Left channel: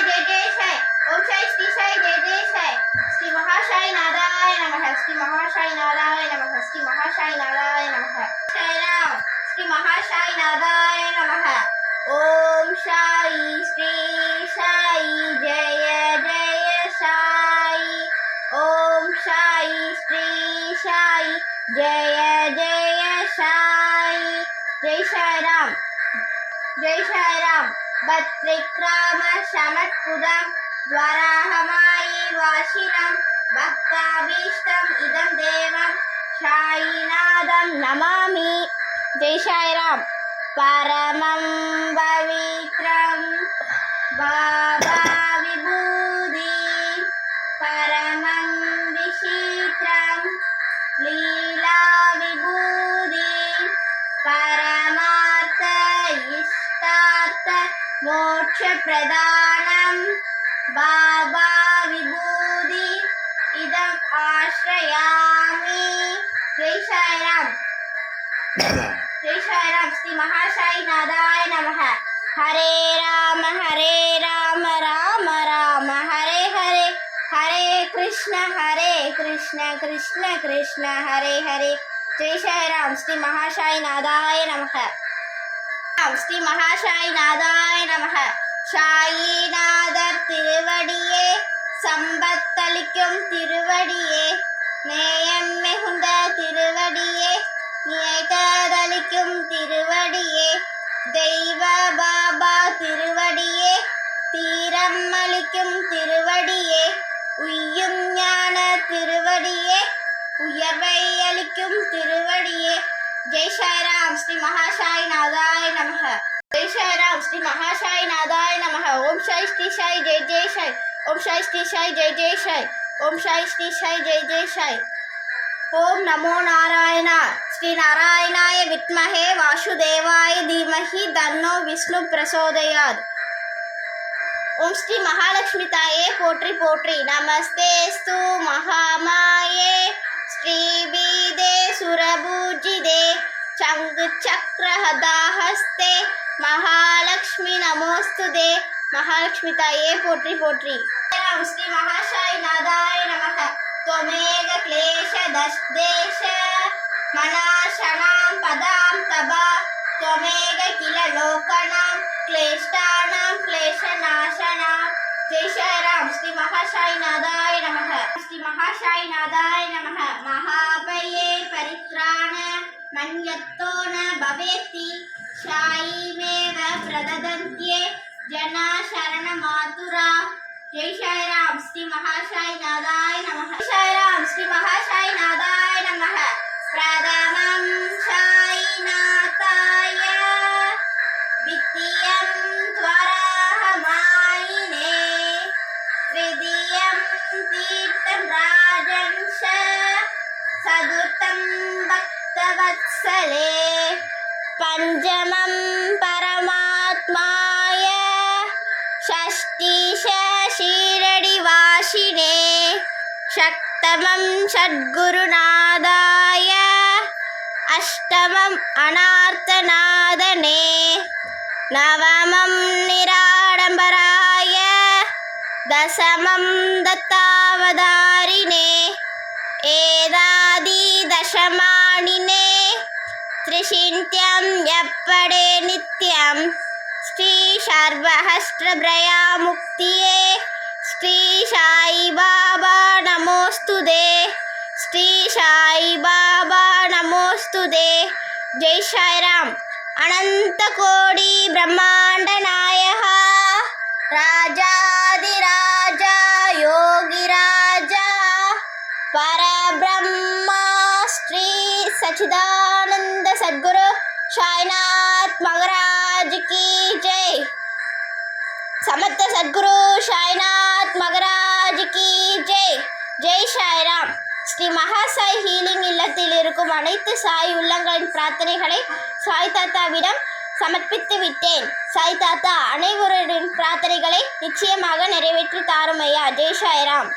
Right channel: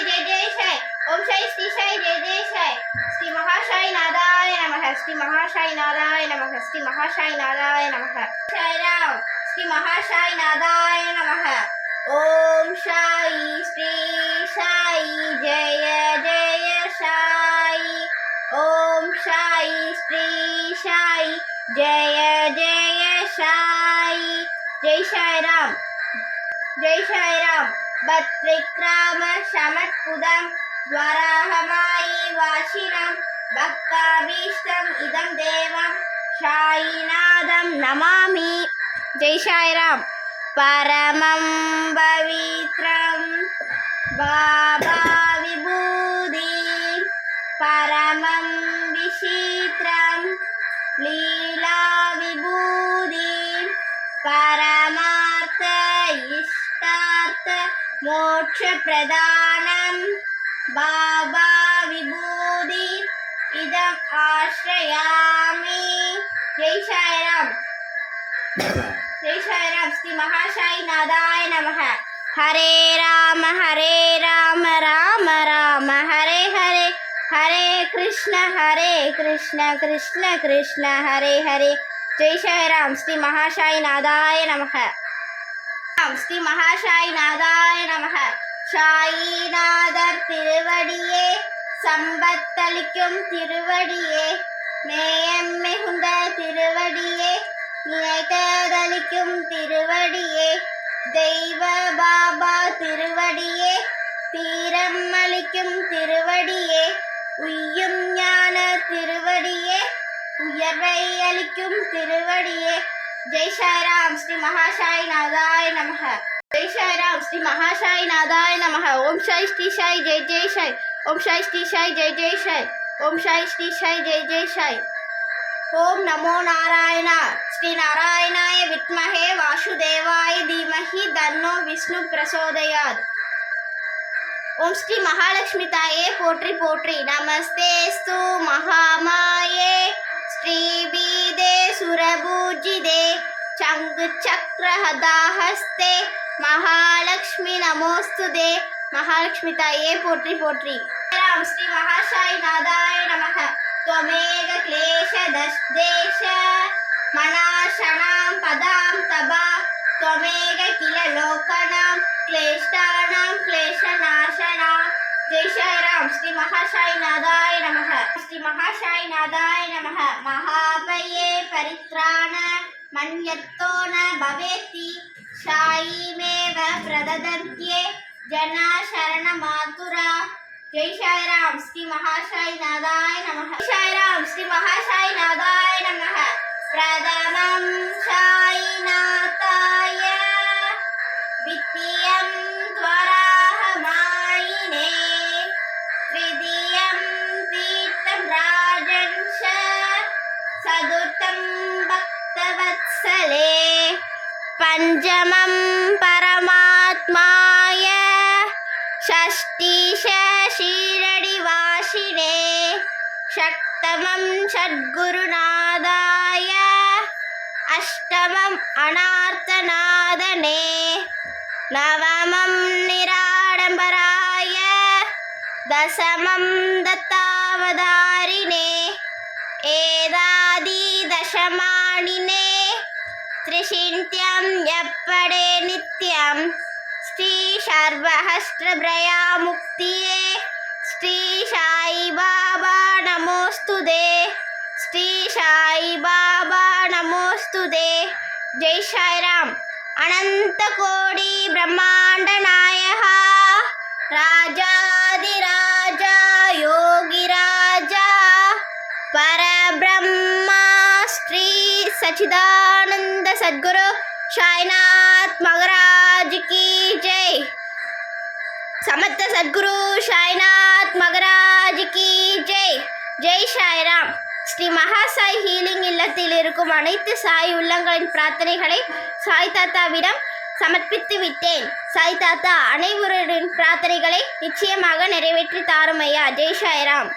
जय जय साई ओम साई श्री साई जय जय साई श्री महासाई नाराय नमः श्री महासाई नाराय नमः श्री महासाई नाराय नमः जय राम श्री महासाई नाराय नमः ओम साई श्री साई जय जय साई ओम साई श्री साई जय जय साई जय साई राम भद्रिक्राम शमत्पुदं द्वाराहमायि वाशिनं भक्ताभीष्टं इदं देवं साईनाथं नमामि जय साई राम परमं पवित्रं बाबा विभूति परमं विचित्रं लीला विभूति परमार्थ इष्टार्थ मोक्ष प्रदानं बाबा विभूति इदम् आश्रयामि जय साई राम श्री महासाई नाराय नमः हरे राम राम राम हरे हरे हरे कृष्ण कृष्ण कृष्ण हरे हरे जय साई राम श्री महासाई नाराय नमः श्री महासाई नाराय नमः சாயிநாதர் திருவடியே சம்பத்தளிக்கும் திருவடியே நேயம் மிகுந்த திருவடியே நினைத்ததளிக்கும் திருவடியே தெய்வ பாபா திருவடியே தீரம் அளிக்கும் திருவடியே உய்யும் ஞான திருவடியே உயர்வை அளிக்கும் திருவடியே जय साई राम श्री महासाई नाराय नमः जय साई राम श्री महासाई नाराय नमः ओम साई श्री साई जय जय साई ओम साई श्री साई जय जय साई ओम साई श्री साई जय जय साई ओम नमो नारायण श्री नारायणाय विद्महे वासुदेवाय धीमहि तन्नो विष्णु प्रचोदयात् ओम श्री महालक्ष्मी ताये पोट्री पोट्री नमस्तेस्तु महामाये श्रीबीदे सुरभूजिदे चंग चक्रहदाहस्ते महालक्ष्मी नमोस्तुते महालक्ष्मी ताये पोट्री पोट्री राम श्री महासाई नाराय नमः त्वमेव क्लेश देश मनाशनां पदां तबा त्वमेव किल लोकनां क्लेष्टानां क्लेशनाशनां जय साई राम श्री महासाई नाराय नमः श्री महासाई नाराय नमः महाभये परित्राण मन्यत्तो न भवेति साईमेव प्रददन्त्ये जना शरणमातुरा जय साई राम श्री महासाई नाराय नमः जय साई राम श्री महासाई नाराय नमः प्रथमं साईनाथाय द्वितीयं त्वराहमायिने तृतीयं तीर्थं राजंश चतुर्थं भक्तवत्सले पंचमं परमात्माय षष्ठीश शीरडिवासिने सप्तमं सद्गुरुनादाय अष्टमं अनार्तनादने नवमं निराडंबराय दशमं दत्तावतारिणे एदादि दशमानिने त्रिशिन्त्यं यप्पडे नित्यं श्री सर्वहस्त्रभया मुक्तिये श्री साई बाबा नमोस्तुते श्री साई बाबा नमोस्तुते जय साई राम अनंत कोटि ब्रह्मांड नायक राजाधिराजा योगी राजा परब्रह्मा श्री सच्चिदानंद सद्गुरु साईनाथ महाराज की जय समर्थ सद्गुरु साईनाथ महाराज की जय जय साई राम ஸ்ரீ மகாசாய் ஹீலிங் இல்லத்தில் இருக்கும் அனைத்து சாய் உள்ளங்களின் பிரார்த்தனைகளை சாய் தாத்தாவிடம் சமர்ப்பித்து விட்டேன். சாய் தாத்தா அனைவரின் பிரார்த்தனைகளை நிச்சயமாக நிறைவேற்றி தாரும் ஐயா. ஜெய் சாய்ராம்.